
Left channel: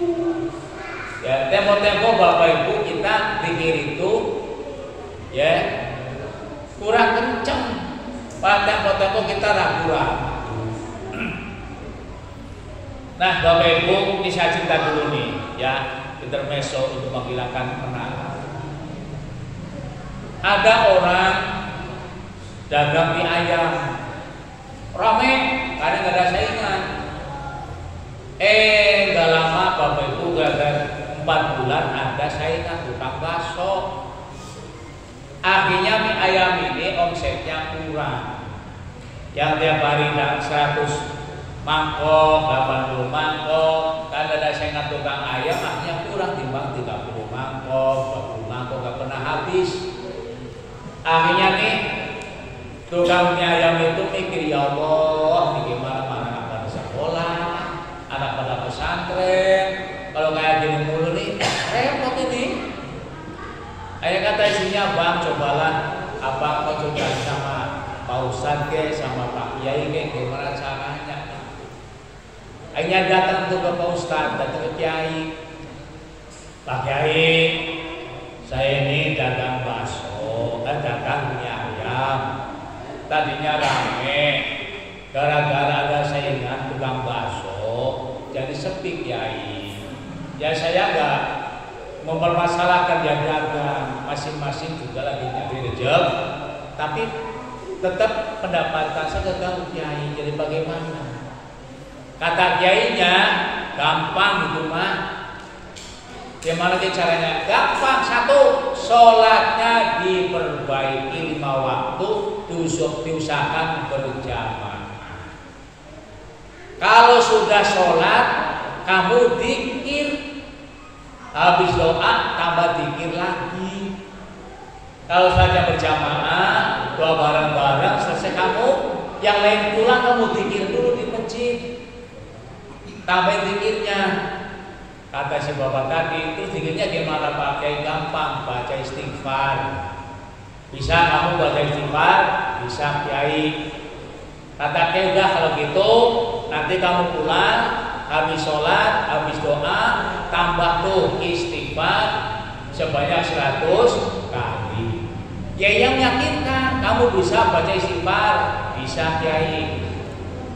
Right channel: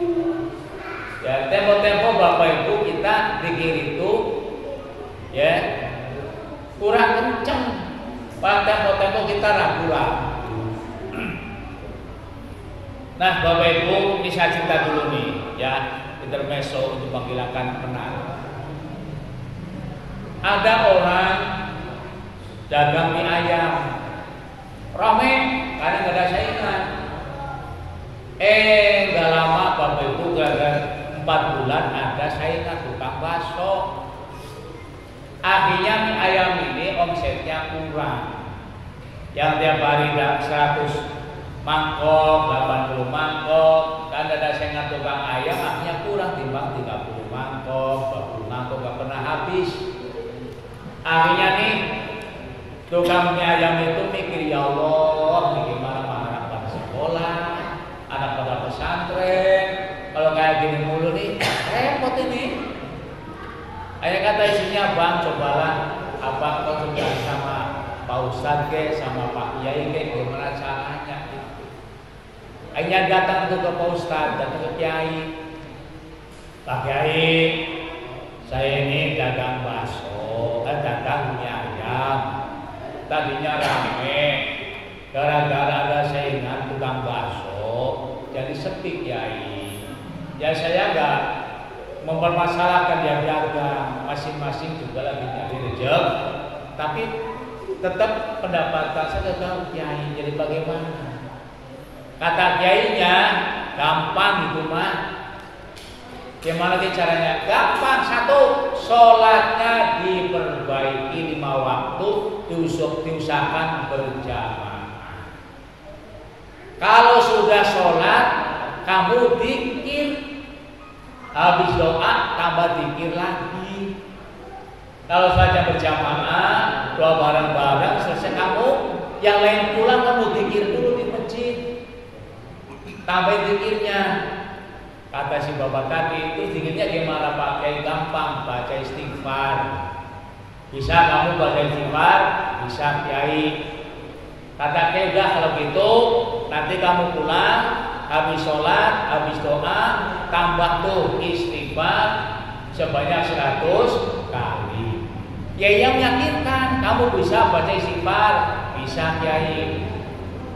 Ya, tempo-tempo Bapak Ibu kita zikir itu, ya kurang kenceng. Pada tempo-tempo kita ragu-ragu. Nah Bapak Ibu, ini saya cerita dulu nih, ya intermezzo untuk menghilangkan penat. Ada orang dagang mie ayam, rame karena nggak ada saingan. Nggak lama Bapak Ibu, gara-gara 4 bulan ada saingan tukang bakso. Akhirnya mie ayam ini omsetnya kurang. Yang tiap hari 100 mangkok, 80 mangkok, kan ada saingan tukang ayam, akhirnya kurang timbang 30 mangkok, 20 mangkok, gak pernah habis. Akhirnya nih tukang mie ayam itu mikir, ya Allah, ini gimana anak pada sekolah, anak pada pesantren, kalau kayak gini mulu nih repot ini. Akhirnya kata isinya, bang cobalah abang konsultasi sama Pak Ustadz sama Pak Kiai gimana caranya gitu. Akhirnya datang tuh ke Pak Ustadz, datang ke Kiai. Pak Kiai, saya ini dagang bakso, dagang mie ayam. Tadinya rame, gara-gara ada saingan tukang bakso, jadi sepi Kiai. Ya saya enggak mempermasalahkan yang dagang, masing-masing juga lagi nyari rezeki, tapi tetap pendapatan saya gagal Kiai. Jadi bagaimana? Kata Kiainya, gampang itu mah. Gimana caranya? Gampang. 1, sholatnya diperbaiki 5 waktu, diusahakan berjamaah. Kalau sudah sholat, kamu dzikir. Habis doa tambah zikir lagi. Kalau saja berjamaah, doa bareng-bareng, selesai kamu yang lain pulang kamu zikir dulu di masjid. Tambah zikirnya. Kata si bapak tadi, terus zikirnya gimana Pak Kiai? Gampang, baca istighfar. Bisa kamu baca istighfar? Bisa Kiai. Kata Kiai, udah kalau gitu nanti kamu pulang, habis sholat, habis doa, tambah tuh istighfar sebanyak 100 kali. Kiai yang meyakinkan kamu bisa baca istighfar, bisa Kiai.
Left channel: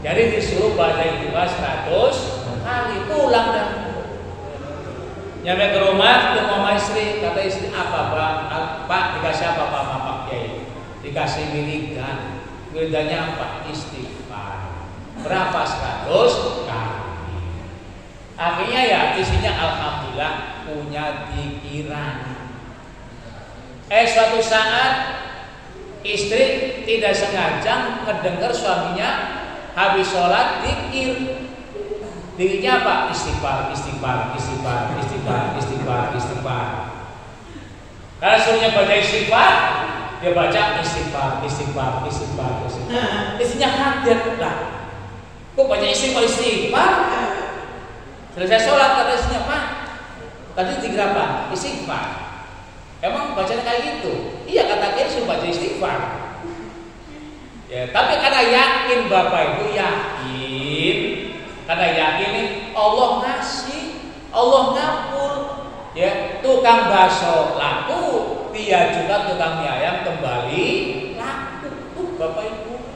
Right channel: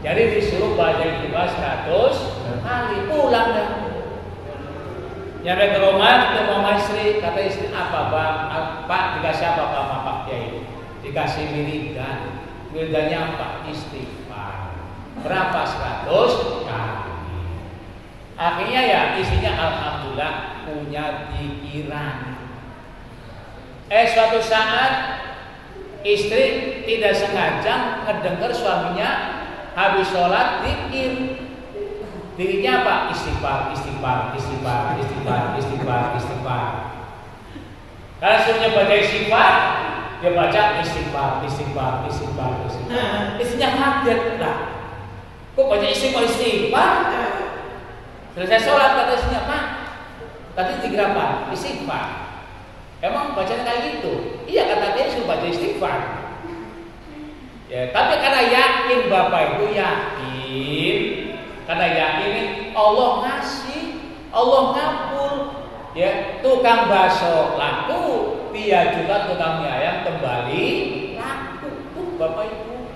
Jadi disuruh baca istighfar 100 kali, pulang dah. Nyampe ke rumah, ketemu sama istri, kata istri, apa Bang? Pak, dikasih apa Pak sama Pak Kiai? Dikasih wiridan. Wiridannya apa? Istighfar. Berapa? 100 kali. Akhirnya ya istrinya alhamdulillah punya pikiran. Suatu saat istri tidak sengaja mendengar suaminya habis sholat zikir. Zikirnya apa? Istighfar, istighfar, istighfar, istighfar, istighfar, istighfar. Kalau suruhnya baca istighfar, dia baca istighfar, istighfar, istighfar, istighfar. Istrinya kaget lah. Kok baca istighfar, istighfar? Selesai sholat kata istrinya, Pak, tadi zikir apa? Istighfar. Emang bacanya kayak gitu? Iya, kata dia suruh baca istighfar. Ya, tapi karena yakin bapak itu yakin. Karena yakin Allah ngasih, Allah ngabul. Ya, tukang bakso laku, dia juga tukang mie ayam kembali laku. Tuh Bapak Ibu.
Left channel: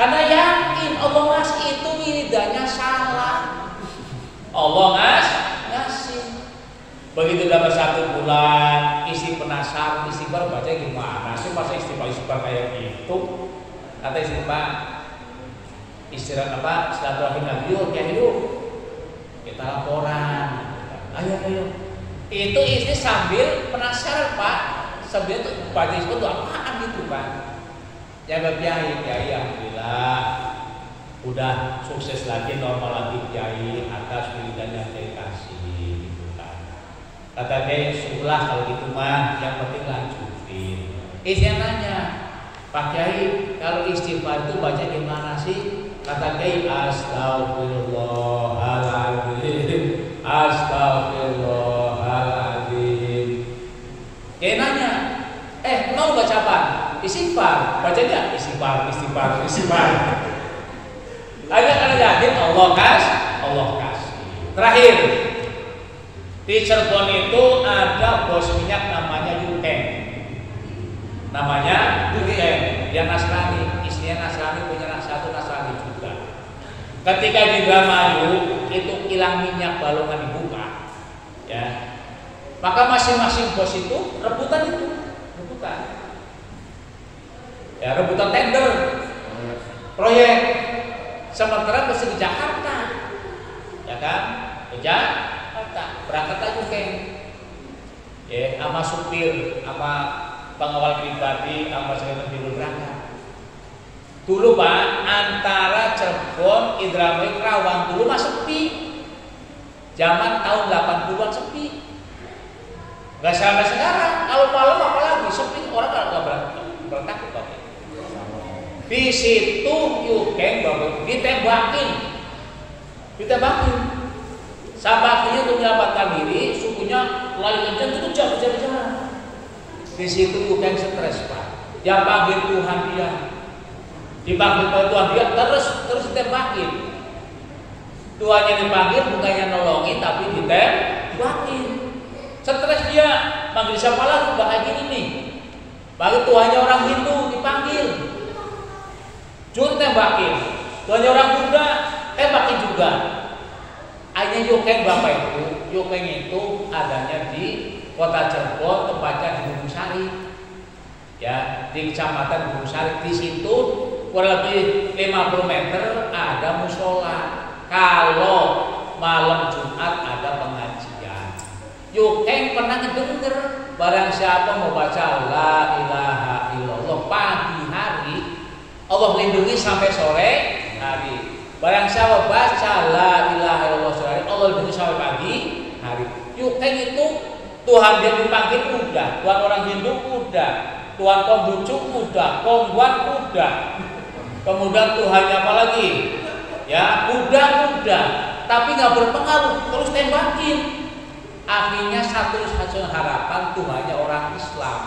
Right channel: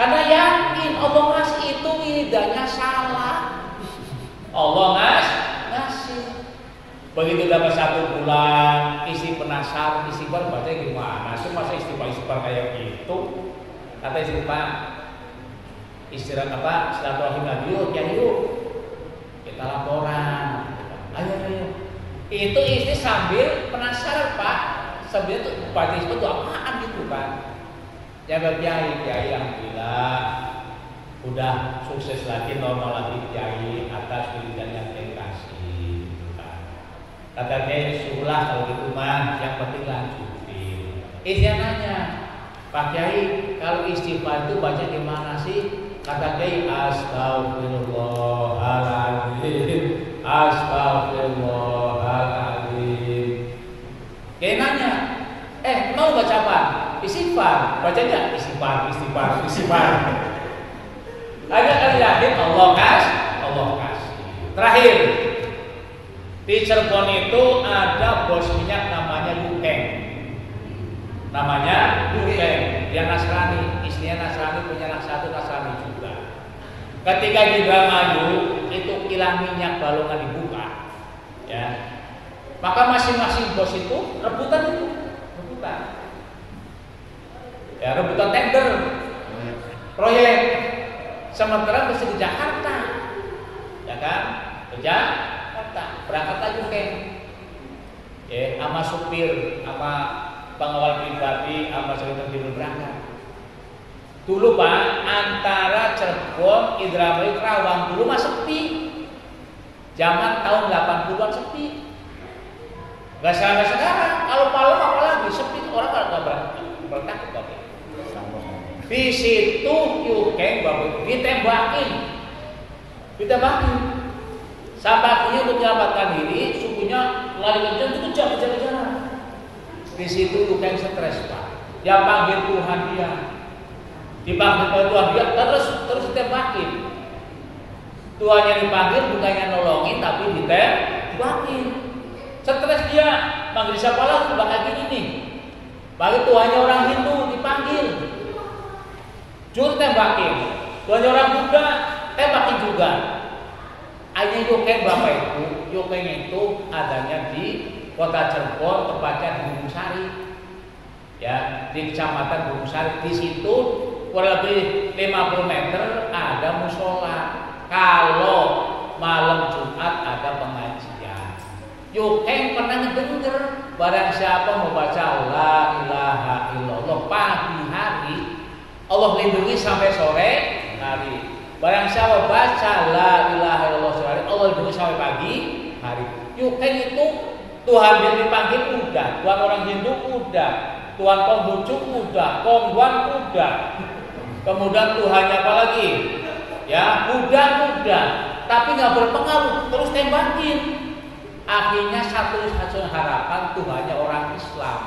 Karena yakin Allah ngasih itu wiridanya salah. Allah ngasih. Begitu dapat 1 bulan, isi penasaran, istighfar baca gimana sih, masa istighfar kayak gitu? Kata istri, Pak, istirahat apa? Silaturahim lagi yuk, kita laporan. Ayo. Itu istri sambil penasaran Pak, sambil tuh baca itu apaan gitu Pak? Ya Kiai, alhamdulillah udah sukses lagi, normal lagi Kiai atas wiridan yang Kiai kasih gitu kan. Kata Kiai, syukurlah kalau gitu mah, yang penting lanjutin. Istri nanya, Pak Kiai, kalau istighfar itu baca gimana sih? Kata Kiai, astagfirullahaladzim, astagfirullahaladzim. Kiai nanya, mau baca apa? Istighfar. Bacanya istighfar. Agar kalian yakin Allah kasih. Terakhir, di Cirebon itu ada bos minyak namanya Yukeng. Dia Nasrani, istrinya Nasrani, punya anak satu Nasrani juga. Ketika di Indramayu itu kilang minyak Balongan dibuka, ya, maka masing-masing bos itu rebutan, ya, rebutan tender proyek. Sementara mesti ke Jakarta, ya kan, ke Jakarta, berangkat aja Keng, ya, sama supir, sama pengawal pribadi, sama sekretariat berangkat. Dulu Pak, antara Cirebon, Indramayu, Kerawang dulu mah sepi. Zaman tahun 80-an sepi. Gak sampai sekarang. Kalau malam apalagi sepi, orang gak bertakut tapi. Di situ Yukeng Bapak ditembakin. Sampai akhirnya untuk menyelamatkan diri, sukunya lari kencang itu kejar. Di situ Yukeng stres Pak. Dia panggil Tuhan dia. Dipanggil Tuhan dia terus ditembakin. Tuhannya dipanggil bukannya nolongin tapi ditembakin. Stres dia, panggil siapa lagi? Bakal gini nih. Panggil Tuhannya orang Hindu dipanggil. Jur tembakin. Tuhannya orang Buddha tembakin juga. Akhirnya Yukeng Bapak Yukeng itu adanya di Kota Cirebon, tepatnya di Gunung Sari. Ya, di Kecamatan Gunung Sari. Di situ kurang lebih 50 meter ada musola. Kalau malam Jumat ada pengajian. Yukeng pernah ngedenger barang siapa mau baca la ilaha illallah pagi hari, Allah lindungi sampai sore hari. Barang siapa baca la ilaha illallah sore hari, Allah lindungi sampai pagi hari. Yukeng itu Tuhan dia dipanggil udah, Tuhan orang Hindu udah, Tuhan Konghucu udah, Kongguan udah. Kemudian Tuhannya apa lagi? Ya, kuda-kuda. Tapi nggak berpengaruh, terus tembakin. Akhirnya satu-satunya harapan Tuhannya orang Islam.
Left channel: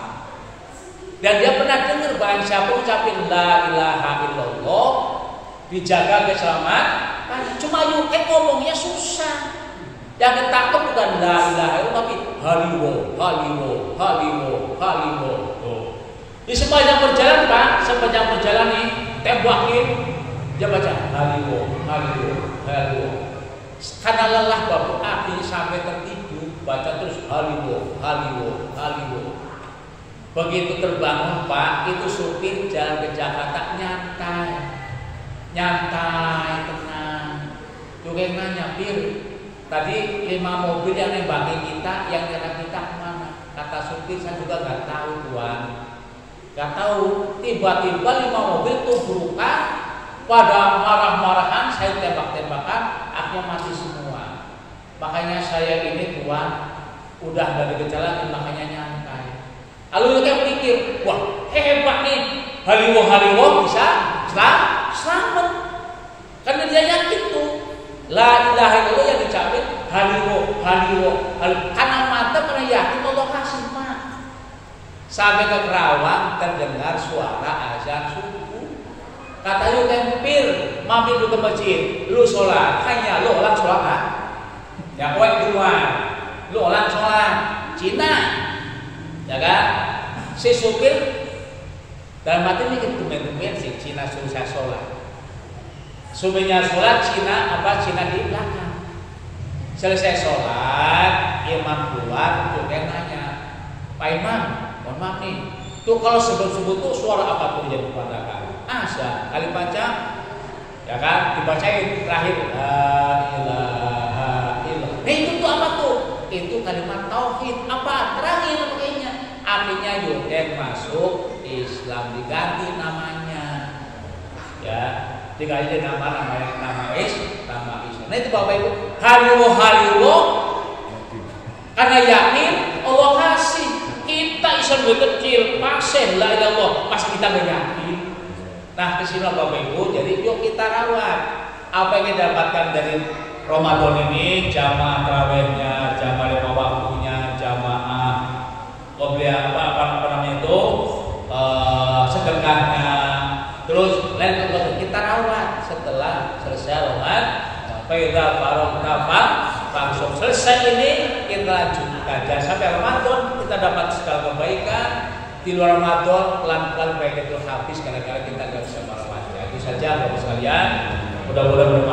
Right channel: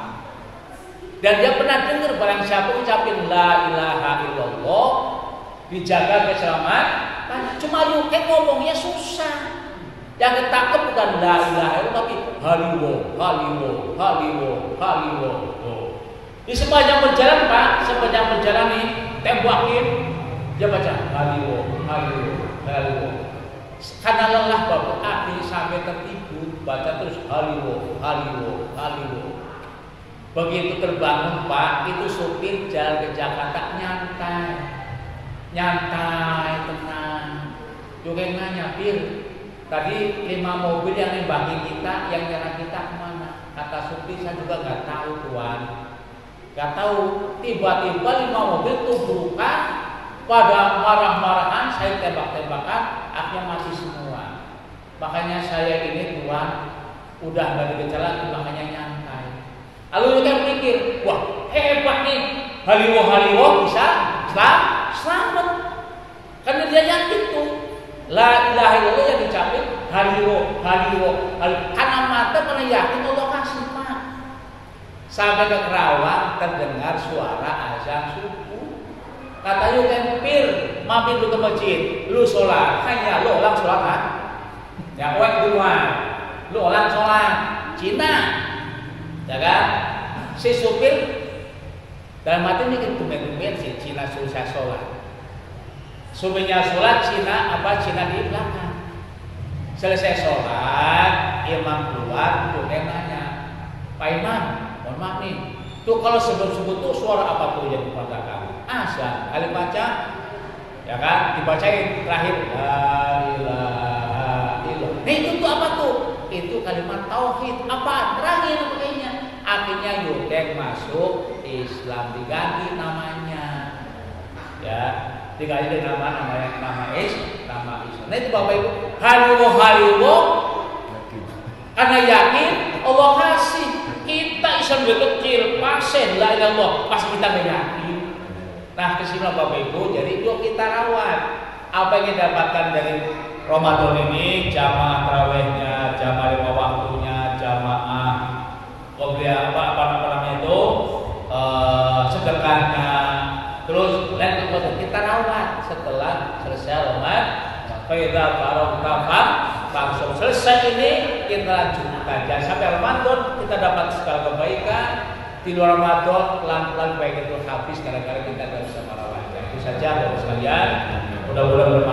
Dan dia pernah dengar barang siapa ucapin la ilaha illallah dijaga keselamatan. Cuma yuk ngomongnya susah. Yang ketangkep bukan la ilaha illallah tapi haliwo, haliwo, haliwo, haliwo. Di sepanjang perjalanan Pak, sepanjang perjalanan nih tembakin dia baca haliwo, haliwo, haliwo. Karena lelah Bapak akhirnya sampai tertidur baca terus haliwo, haliwo, haliwo. Begitu terbangun Pak, itu supir jalan ke Jakarta nyantai, nyantai, tenang. Juga nanya, Pir, tadi 5 mobil yang nembakin kita, yang nyerang kita kemana? Kata supir, saya juga nggak tahu Tuan. Nggak tahu. Tiba-tiba 5 mobil tubrukan, pada marah-marahan, saya tembak-tembakan, akhirnya mati semua. Makanya saya ini Tuan, udah nggak ada gejala lagi, makanya nyantai. Lalu kita pikir, wah hebat nih, haliwo bisa selamat. Karena dia yakin tuh, la ilaha illallah yang dicapai haliwo. Karena mata karena yakin Allah kasih Pak. Sampai ke Kerawang terdengar suara azan subuh. Kata yuk Pir, mampir lu ke masjid, lu sholat, hanya lu orang sholat kan? Ya luar, lu orang sholat, Cina. Ya kan? Si supir dalam hati mikir tumen-tumen si Cina susah sholat. Supirnya sholat Cina di belakang. Selesai sholat, imam keluar, tuh dia nanya, Pak Imam, mohon maaf nih, tuh kalau sebelum tuh suara apa tuh yang dikatakan? Azan, kali baca, ya kan? Dibacain terakhir, la ilaha illallah. Nah itu tuh apa tuh? Itu kalimat tauhid. Apa? Terakhir makanya. Akhirnya Yudek masuk Islam, diganti namanya. Ya, diganti nama Islam. Nah itu Bapak Ibu, haliwo. Karena yakin Allah kasih. Kita Islam lebih kecil, pasien la ilallah, pasti kita nggak yakin. Nah kesimpulan Bapak Ibu, jadi yuk kita rawat apa yang kita dapatkan dari Ramadan ini, jamaah tarawihnya, jamaah 5 waktunya, jamaah qobliyah apa namanya itu, sedekahnya, terus lain kita rawat setelah selesai Ramadan. Faida faragha langsung selesai ini kita lanjutkan. Jangan sampai Ramadan kita dapat segala kebaikan, di luar Ramadan pelan-pelan baik itu habis karena kita nggak bisa merawatnya. Itu saja Bapak sekalian. Mudah-mudahan bermanfaat.